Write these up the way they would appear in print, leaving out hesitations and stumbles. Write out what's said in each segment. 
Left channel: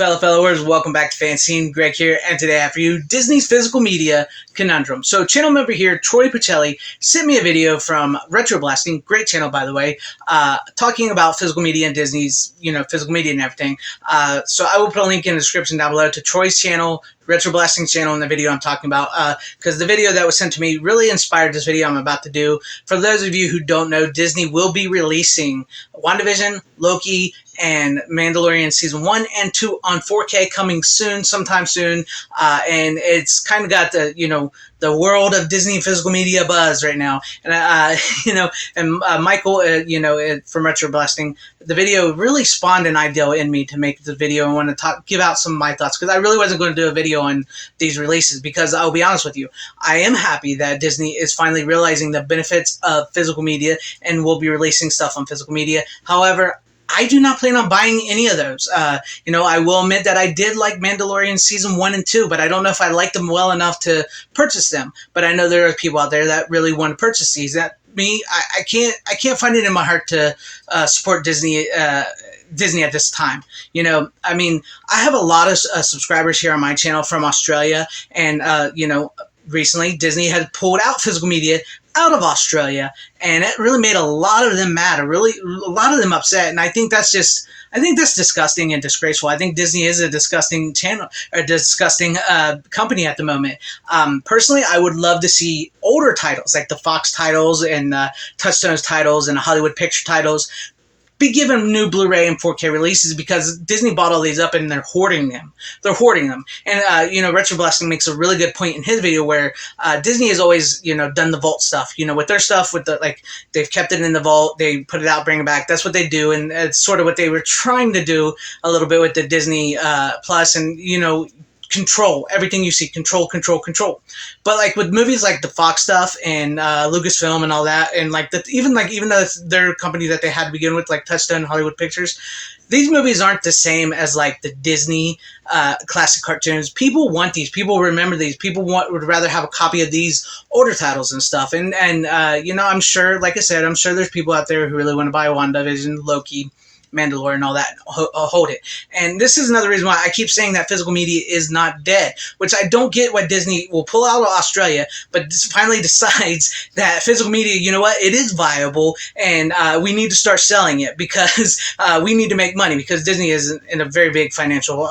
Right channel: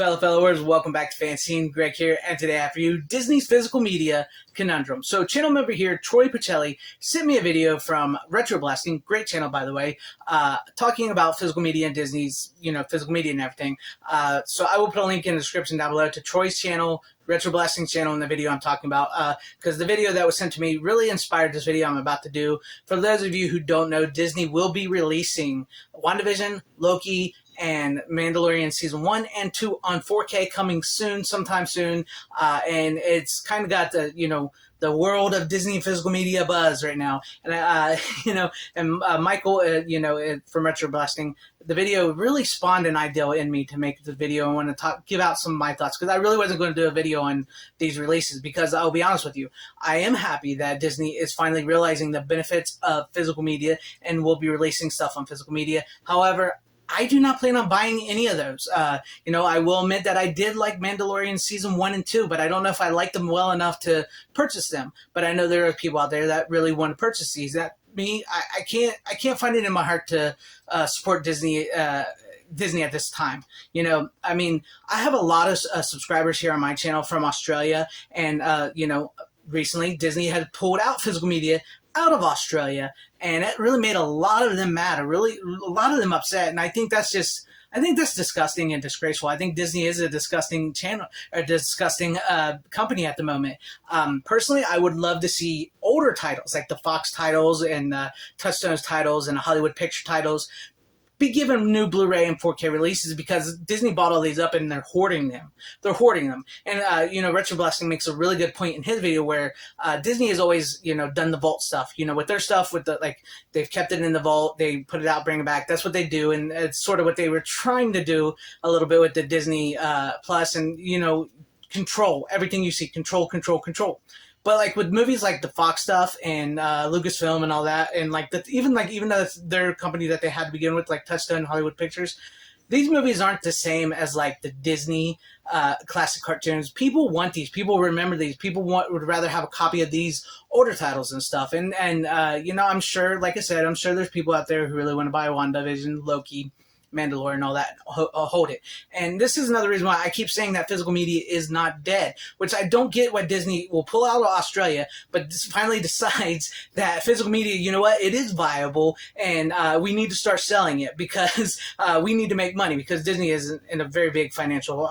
followers, welcome back to FanZcene. Greg here, and today I have for you Disney's physical media conundrum. So channel member here, Troy Pacelli, sent me a video from Retro Blasting, great channel by the way, talking about physical media and Disney's, physical media and everything. So I will put a link in the description down below to Troy's channel, Retro Blasting channel, and the video I'm talking about, because the video that was sent to me really inspired this video I'm about to do. For those of you who don't know, Disney will be releasing WandaVision, Loki, and Mandalorian Season 1 and 2 on 4K coming soon, sometime soon, and it's kind of got the world of Disney physical media buzz right now, and Michael, from Retro Blasting, the video really spawned an idea in me to make the video and want to give out some of my thoughts, because I really wasn't going to do a video on these releases, because I'll be honest with you, I am happy that Disney is finally realizing the benefits of physical media and will be releasing stuff on physical media. However, I do not plan on buying any of those. I will admit that I did like Mandalorian Season 1 and 2, but I don't know if I liked them well enough to purchase them. But I know there are people out there that really want to purchase these. That me, I can't find it in my heart to support Disney at this time. I have a lot of subscribers here on my channel from Australia, and recently Disney had pulled out physical media out of Australia, and it really made a lot of them mad, a lot of them upset, and I think that's disgusting and disgraceful. I think Disney is a disgusting channel, or disgusting company at the moment. Personally, I would love to see older titles, like the Fox titles and Touchstone's titles and the Hollywood Picture titles, be given new Blu-ray and 4K releases, because Disney bought all these up and they're hoarding them. And, Retro Blasting makes a really good point in his video where Disney has always, done the vault stuff, with their stuff, they've kept it in the vault, they put it out, bring it back. That's what they do. And it's sort of what they were trying to do a little bit with the Disney Plus, and, control everything you see, control. But like with movies like the Fox stuff and Lucasfilm and all that, and even though it's their company that they had to begin with, like Touchstone, Hollywood Pictures, these movies aren't the same as like the Disney classic cartoons. People want these. People remember these. People would rather have a copy of these older titles and stuff. And I'm sure, like I said, I'm sure there's people out there who really want to buy WandaVision, Loki, Mandalorian, and all that, hold it. And this is another reason why I keep saying that physical media is not dead, which I don't get what Disney will pull out of Australia, but finally decides that physical media, it is viable, and we need to start selling it, because we need to make money, because Disney is in a very big financial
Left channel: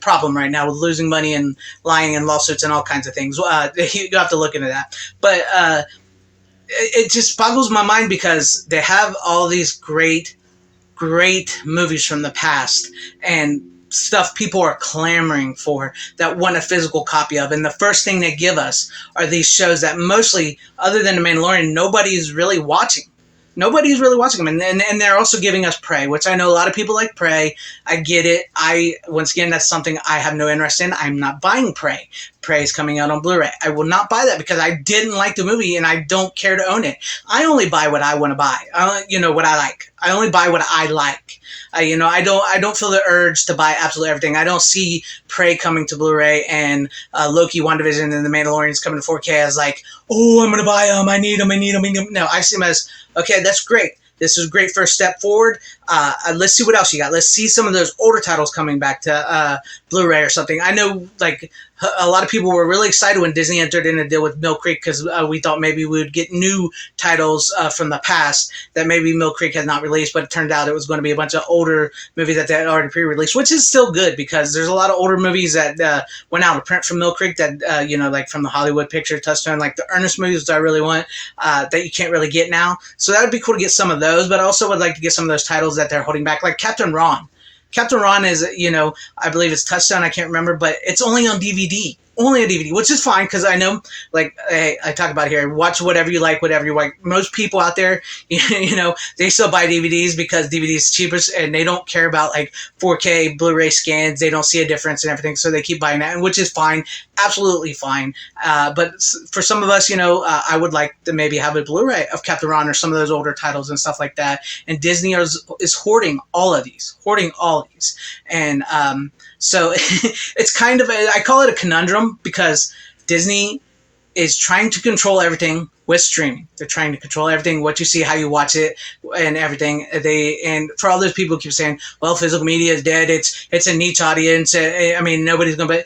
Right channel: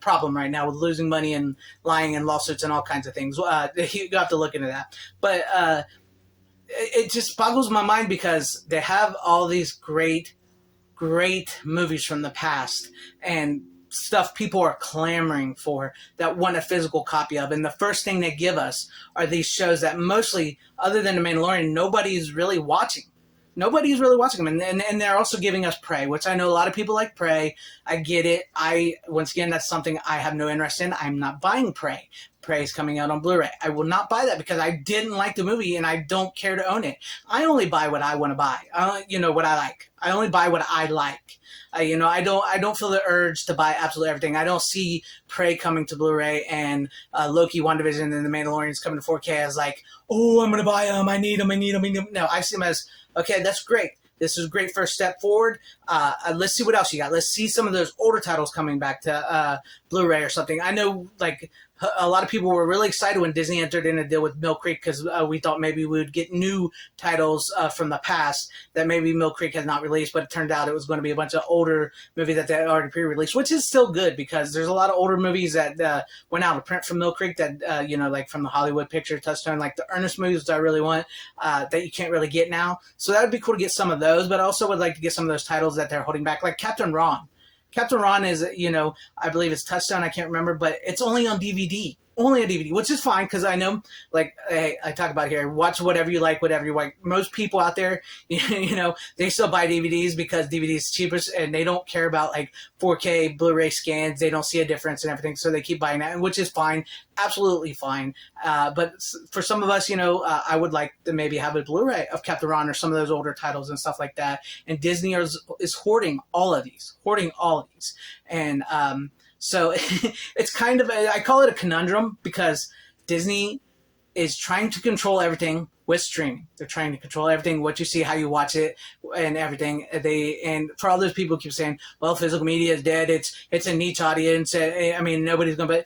problem right now with losing money and lying and lawsuits and all kinds of things. You have to look into that. But it just boggles my mind, because they have all these great movies from the past and stuff people are clamoring for, that want a physical copy of, and the first thing they give us are these shows that mostly, other than The Mandalorian, nobody's really watching. Nobody's really watching them, and they're also giving us Prey, which I know a lot of people like Prey. I get it. Once again, that's something I have no interest in. I'm not buying Prey. Prey is coming out on Blu-ray. I will not buy that, because I didn't like the movie and I don't care to own it. I only buy what I want to buy. What I like. I only buy what I like. I don't feel the urge to buy absolutely everything. I don't see Prey coming to Blu-ray and Loki, WandaVision, and The Mandalorian coming to 4K as like, oh, I'm gonna buy them. I need them. No, I see them as, okay, that's great. This is a great first step forward. Let's see what else you got. Let's see some of those older titles coming back to Blu-ray or something. I know, like, a lot of people were really excited when Disney entered in a deal with Mill Creek, because we thought maybe we would get new titles from the past that maybe Mill Creek had not released, but it turned out it was going to be a bunch of older movies that they had already pre-released, which is still good, because there's a lot of older movies that went out of print from Mill Creek that, like from the Hollywood Picture, Touchstone, like the Ernest movies that I really want, that you can't really get now. So that would be cool to get some of those, but I also would like to get some of those titles that they're holding back, like Captain Ron. Captain Ron is, I believe it's Touchstone, I can't remember, but it's only on DVD. Only on DVD, which is fine, because I know, like I talk about here, watch whatever you like, whatever you like. Most people out there, they still buy DVDs because DVD is cheapest, and they don't care about like 4K Blu-ray scans. They don't see a difference and everything, so they keep buying that, which is fine, absolutely fine. But for some of us, I would like to maybe have a Blu-ray of Captain Ron or some of those older titles and stuff like that. And Disney is hoarding all of these, and so it's kind of I call it a conundrum, because Disney is trying to control everything with streaming. They're trying to control everything, what you see, how you watch it, and everything. And for all those people who keep saying, well, physical media is dead, it's a niche audience, I mean, nobody's going to buy.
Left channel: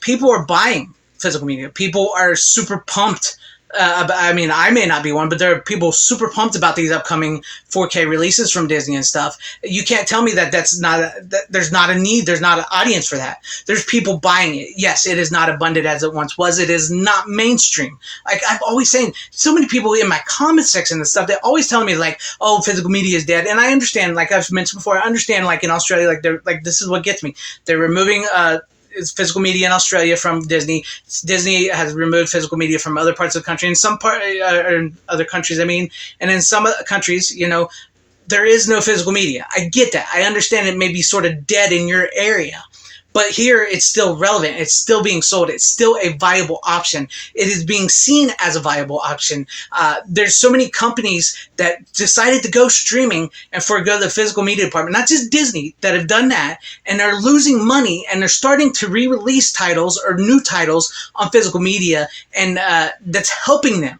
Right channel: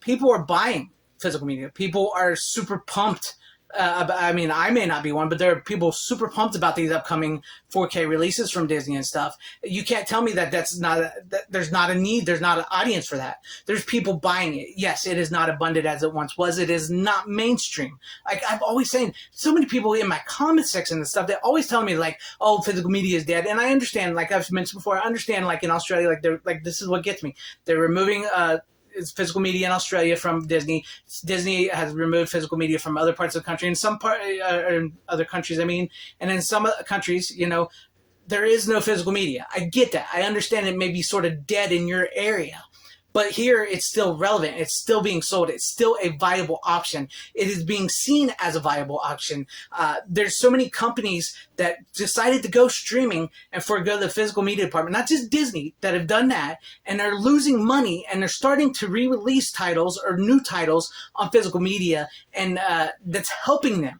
People are buying physical media. People are super pumped. I mean, I may not be one, but there are people super pumped about these upcoming 4K releases from Disney and stuff. You can't tell me that there's not a need, there's not an audience for that. There's people buying it. Yes, it is not abundant as it once was. It is not mainstream. Like I'm always saying, so many people in my comment section and stuff, they're always telling me like, oh, physical media is dead. And I understand, like I've mentioned before, I understand like in Australia, like they're like, this is what gets me. They're removing physical media in Australia from Disney. Disney has removed physical media from other parts of the country. In some other countries, I mean, and in some countries, you know, there is no physical media. I get that. I understand it may be sort of dead in your area. But here, it's still relevant. It's still being sold. It's still a viable option. It is being seen as a viable option. There's so many companies that decided to go streaming and forego the physical media department. Not just Disney that have done that, and they're losing money, and they're starting to re-release titles or new titles on physical media, and that's helping them.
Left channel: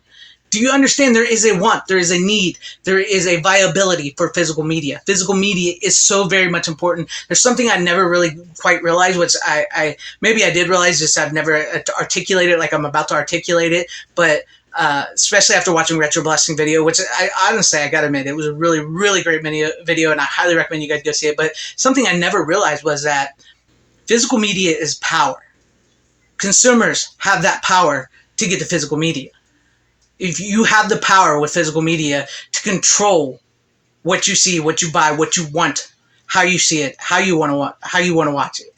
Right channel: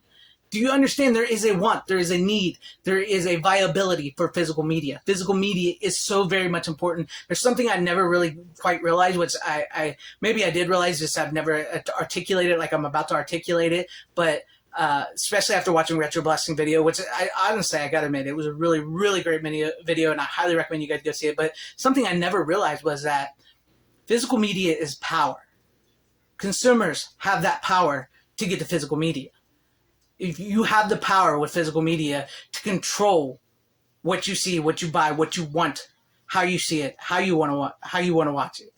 Do you understand there is a want, there is a need, there is a viability for physical media. Physical media is so very much important. There's something I never really quite realized, which I maybe I did realize, just I've never articulated like I'm about to articulate it, but especially after watching Retro Blasting video, which I honestly, I gotta admit, it was a really, really great video, and I highly recommend you guys go see it. But something I never realized was that physical media is power. Consumers have that power to get the physical media. If you have the power with physical media to control what you see, what you buy, what you want, how you see it, how you want to watch it,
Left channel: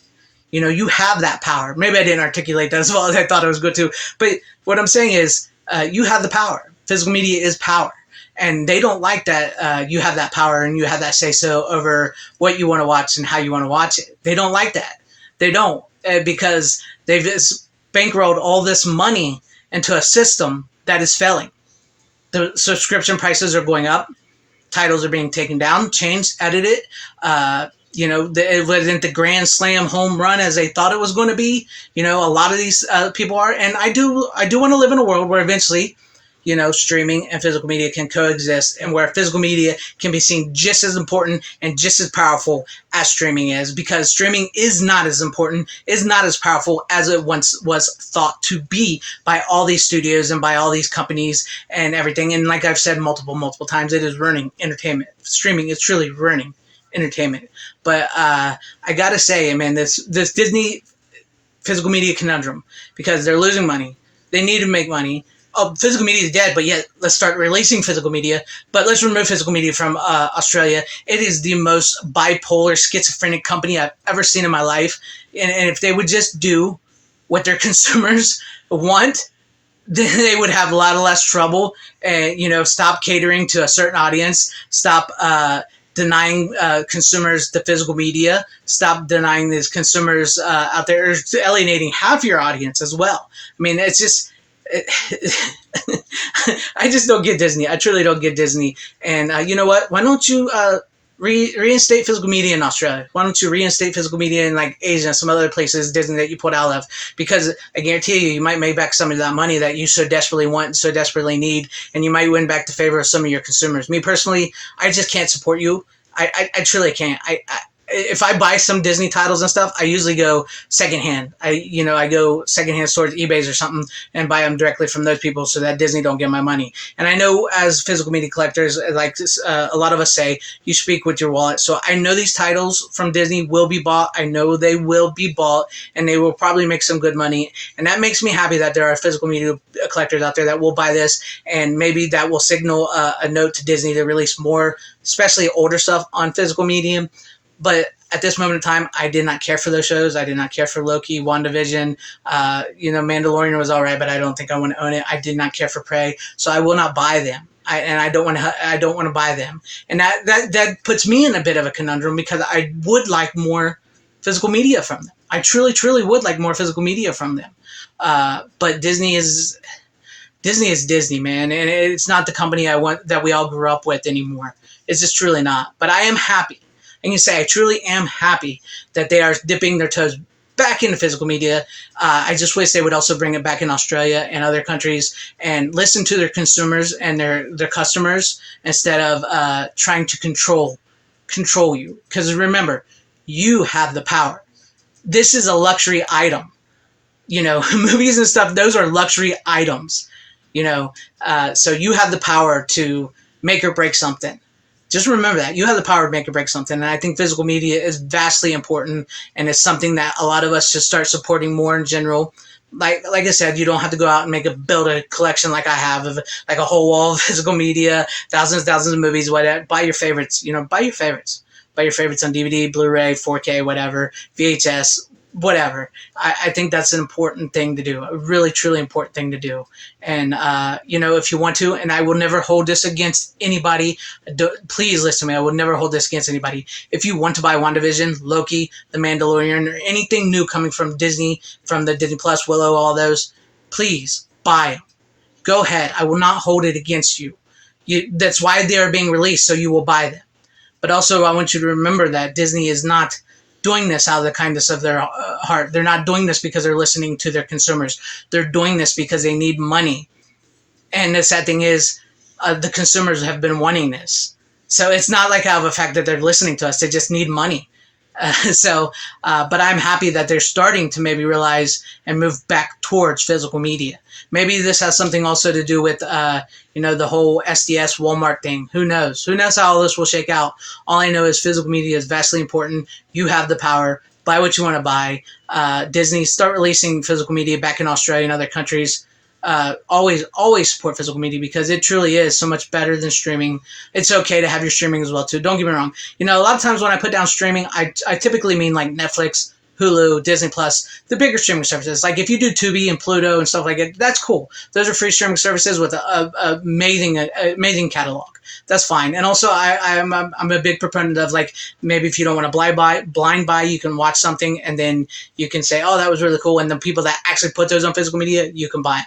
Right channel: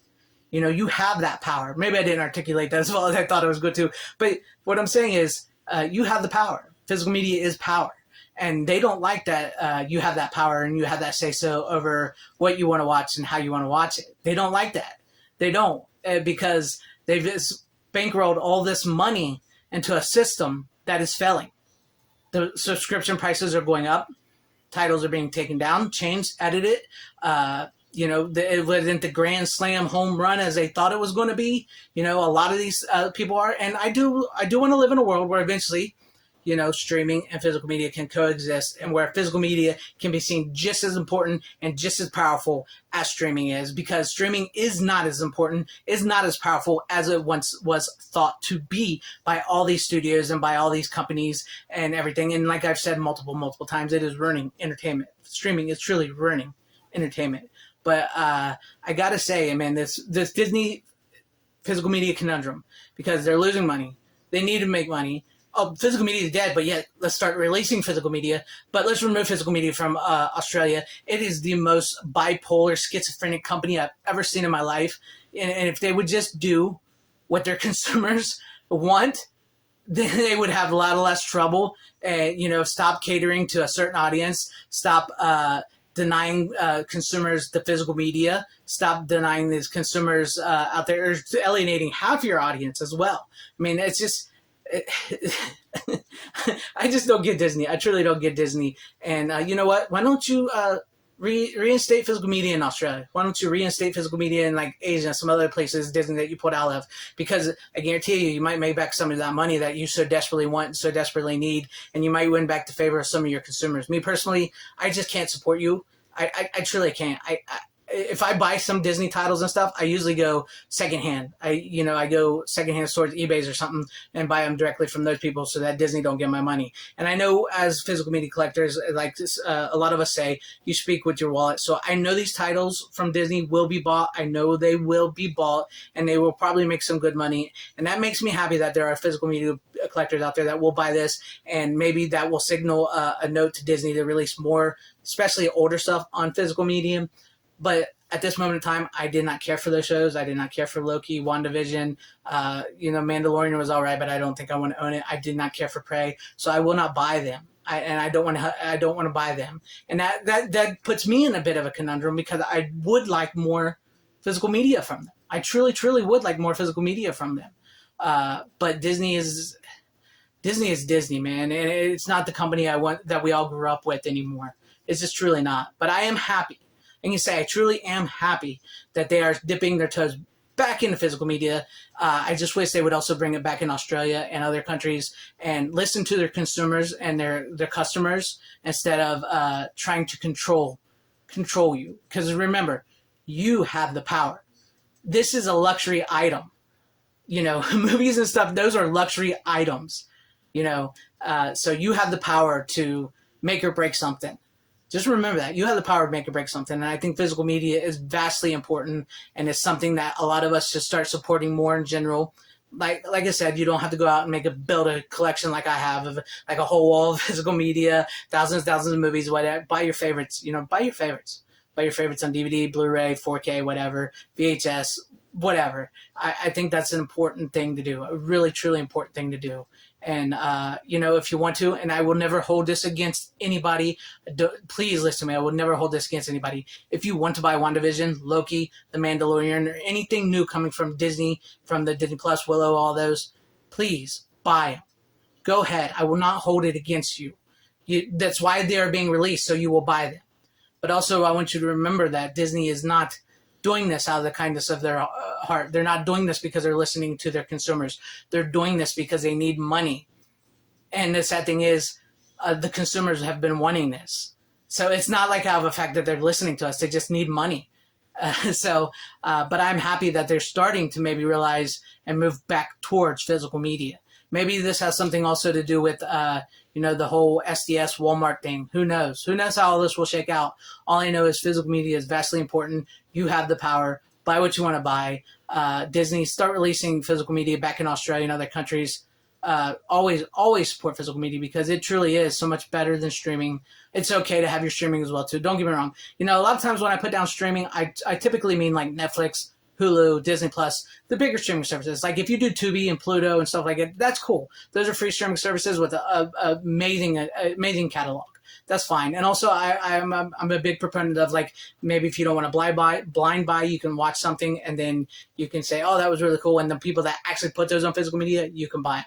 you know, you have that power. Maybe I didn't articulate that as well as I thought I was good to, but what I'm saying is, you have the power. Physical media is power, and they don't like that you have that power and you have that say so over what you want to watch and how you want to watch it. They don't like that. They don't, because they've just bankrolled all this money into a system that is failing. The subscription prices are going up. Titles are being taken down, changed, edited. You know, it wasn't the grand slam home run as they thought it was going to be. You know, a lot of these people are, and I do want to live in a world where eventually, you know, streaming and physical media can coexist, and where physical media can be seen just as important and just as powerful as streaming is, because streaming is not as important, is not as powerful as it once was thought to be by all these studios and by all these companies and everything. And like I've said multiple times, it is ruining entertainment. Streaming is truly ruining entertainment. But I gotta say, man, this Disney physical media conundrum, because they're losing money, they need to make money. Oh, physical media is dead, but yet let's start releasing physical media. But let's remove physical media from Australia. It is the most bipolar, schizophrenic company I've ever seen in my life. And if they would just do what their consumers want, then they would have a lot less trouble. And, you know, stop catering to a certain audience. Stop denying consumers the physical media. Stop denying these consumers out there, alienating half your audience as well. I mean, it's just... I just don't get Disney. I truly don't get Disney. And you know what? Why don't you reinstate physical media in Australia? Why don't you reinstate physical media in like Asia and some other places, Disney, that you put out of? Because I guarantee you might make back some of that money that you so desperately want and so desperately need, and you might win back the favor of some of your consumers. Me personally, I just can't support you. I truly can't. If I buy some Disney titles and stuff, I usually go secondhand. I go secondhand towards eBays or something and buy them directly from those people so that Disney don't get my money. And I know as physical media collectors, like a lot of us say, you speak with your wallet. So I know these titles from Disney will be bought. I know they will be bought, and they will probably make some good money. And that makes me happy that there are physical media collectors out there that will buy this, and maybe that will signal a note to Disney to release more, especially older stuff on physical media. But at this moment in time, I did not care for those shows. I did not care for Loki, WandaVision. Mandalorian was all right, but I don't think I want to own it. I did not care for Prey, so I will not buy them. I don't want to buy them. And that puts me in a bit of a conundrum, because I would like more physical media from them. I truly, truly would like more physical media from them. But Disney is Disney, man, and it's not the company I want that we all grew up with anymore. It's just truly not. But I am happy. And you say, I truly am happy that they are dipping their toes back into physical media. I just wish they would also bring it back in Australia and other countries and listen to their consumers and their customers instead of trying to control you. Because remember, you have the power. This is a luxury item. You know, movies and stuff, those are luxury items. You know, so you have the power to make or break something. Just remember that. You have the power to make or break something. And I think physical media is vastly important, and it's something that a lot of us should start supporting more in general. Like I said, you don't have to go out and build a collection like I have of like a whole wall of physical media, thousands of movies, whatever. Buy your favorites, you know, buy your favorites. Buy your favorites on DVD, Blu-ray, 4K, whatever, VHS, whatever. I think that's an important thing to do, a really, truly important thing to do. And, you know, if you want to, and I will never hold this against anybody, please listen to me, I will never hold this against anybody. If you want to buy WandaVision, Loki, The Mandalorian, or anything new coming from Disney, from the Disney Plus, Willow, all those, please buy them. Go ahead. I will not hold it against you. That's why they are being released, so you will buy them. But also, I want you to remember that Disney is not doing this out of the kindness of their heart. They're not doing this because they're listening to their consumers. They're doing this because they need money. And the sad thing is, the consumers have been wanting this. So it's not like out of the fact that they're listening to us. They just need money. But I'm happy that they're starting to maybe realize and move back towards physical media. Maybe this has something also to do with, you know, the whole SDS Walmart thing. Who knows? Who knows how all this will shake out? All I know is physical media is vastly important. You have the power. Buy what you want to buy. Disney, start releasing physical media back in Australia and other countries. Always support physical media because it truly is so much better than streaming. It's okay to have your streaming as well too. Don't get me wrong. You know, a lot of times when I put down streaming, I typically mean like Netflix, Hulu, Disney Plus, the bigger streaming services. Like if you do Tubi and Pluto and stuff like that, that's cool. Those are free streaming services with an amazing catalog. That's fine. And also, I'm a big proponent of, like, maybe if you don't want to blind buy, you can watch something and then you can say, oh, that was really cool. And the people that actually put those on physical media, you can buy them.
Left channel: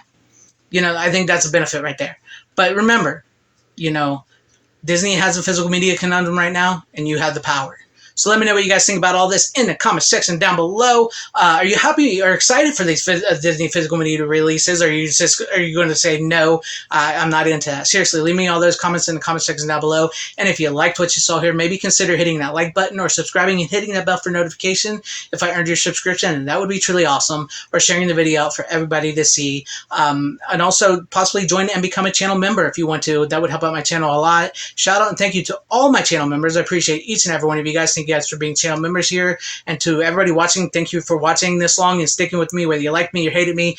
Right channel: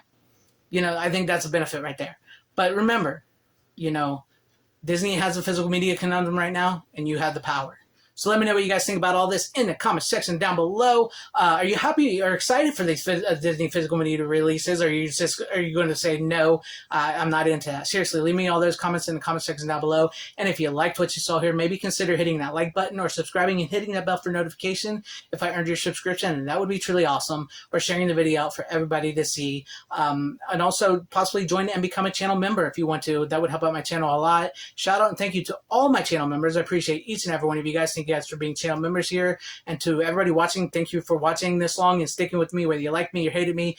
You know, I think that's a benefit right there. But remember, you know, Disney has a physical media conundrum right now, and you have the power. So let me know what you guys think about all this in the comment section down below. Are you happy or excited for these Disney physical media releases? Or are you going to say no? I'm not into that. Seriously, leave me all those comments in the comment section down below. And if you liked what you saw here, maybe consider hitting that like button or subscribing and hitting that bell for notification if I earned your subscription, and that would be truly awesome. Or sharing the video out for everybody to see. And also possibly join and become a channel member if you want to. That would help out my channel a lot. Shout out and thank you to all my channel members. I appreciate each and every one of you guys. Thank you guys for being channel members here. And to everybody watching, thank you for watching this long and sticking with me, whether you like me or hated me.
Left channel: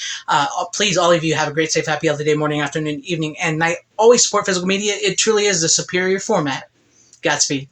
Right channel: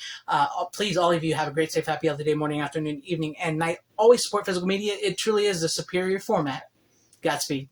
Please, all of you, have a great, safe, happy, healthy day, morning, afternoon, evening, and night. Always support physical media. It truly is the superior format. Godspeed.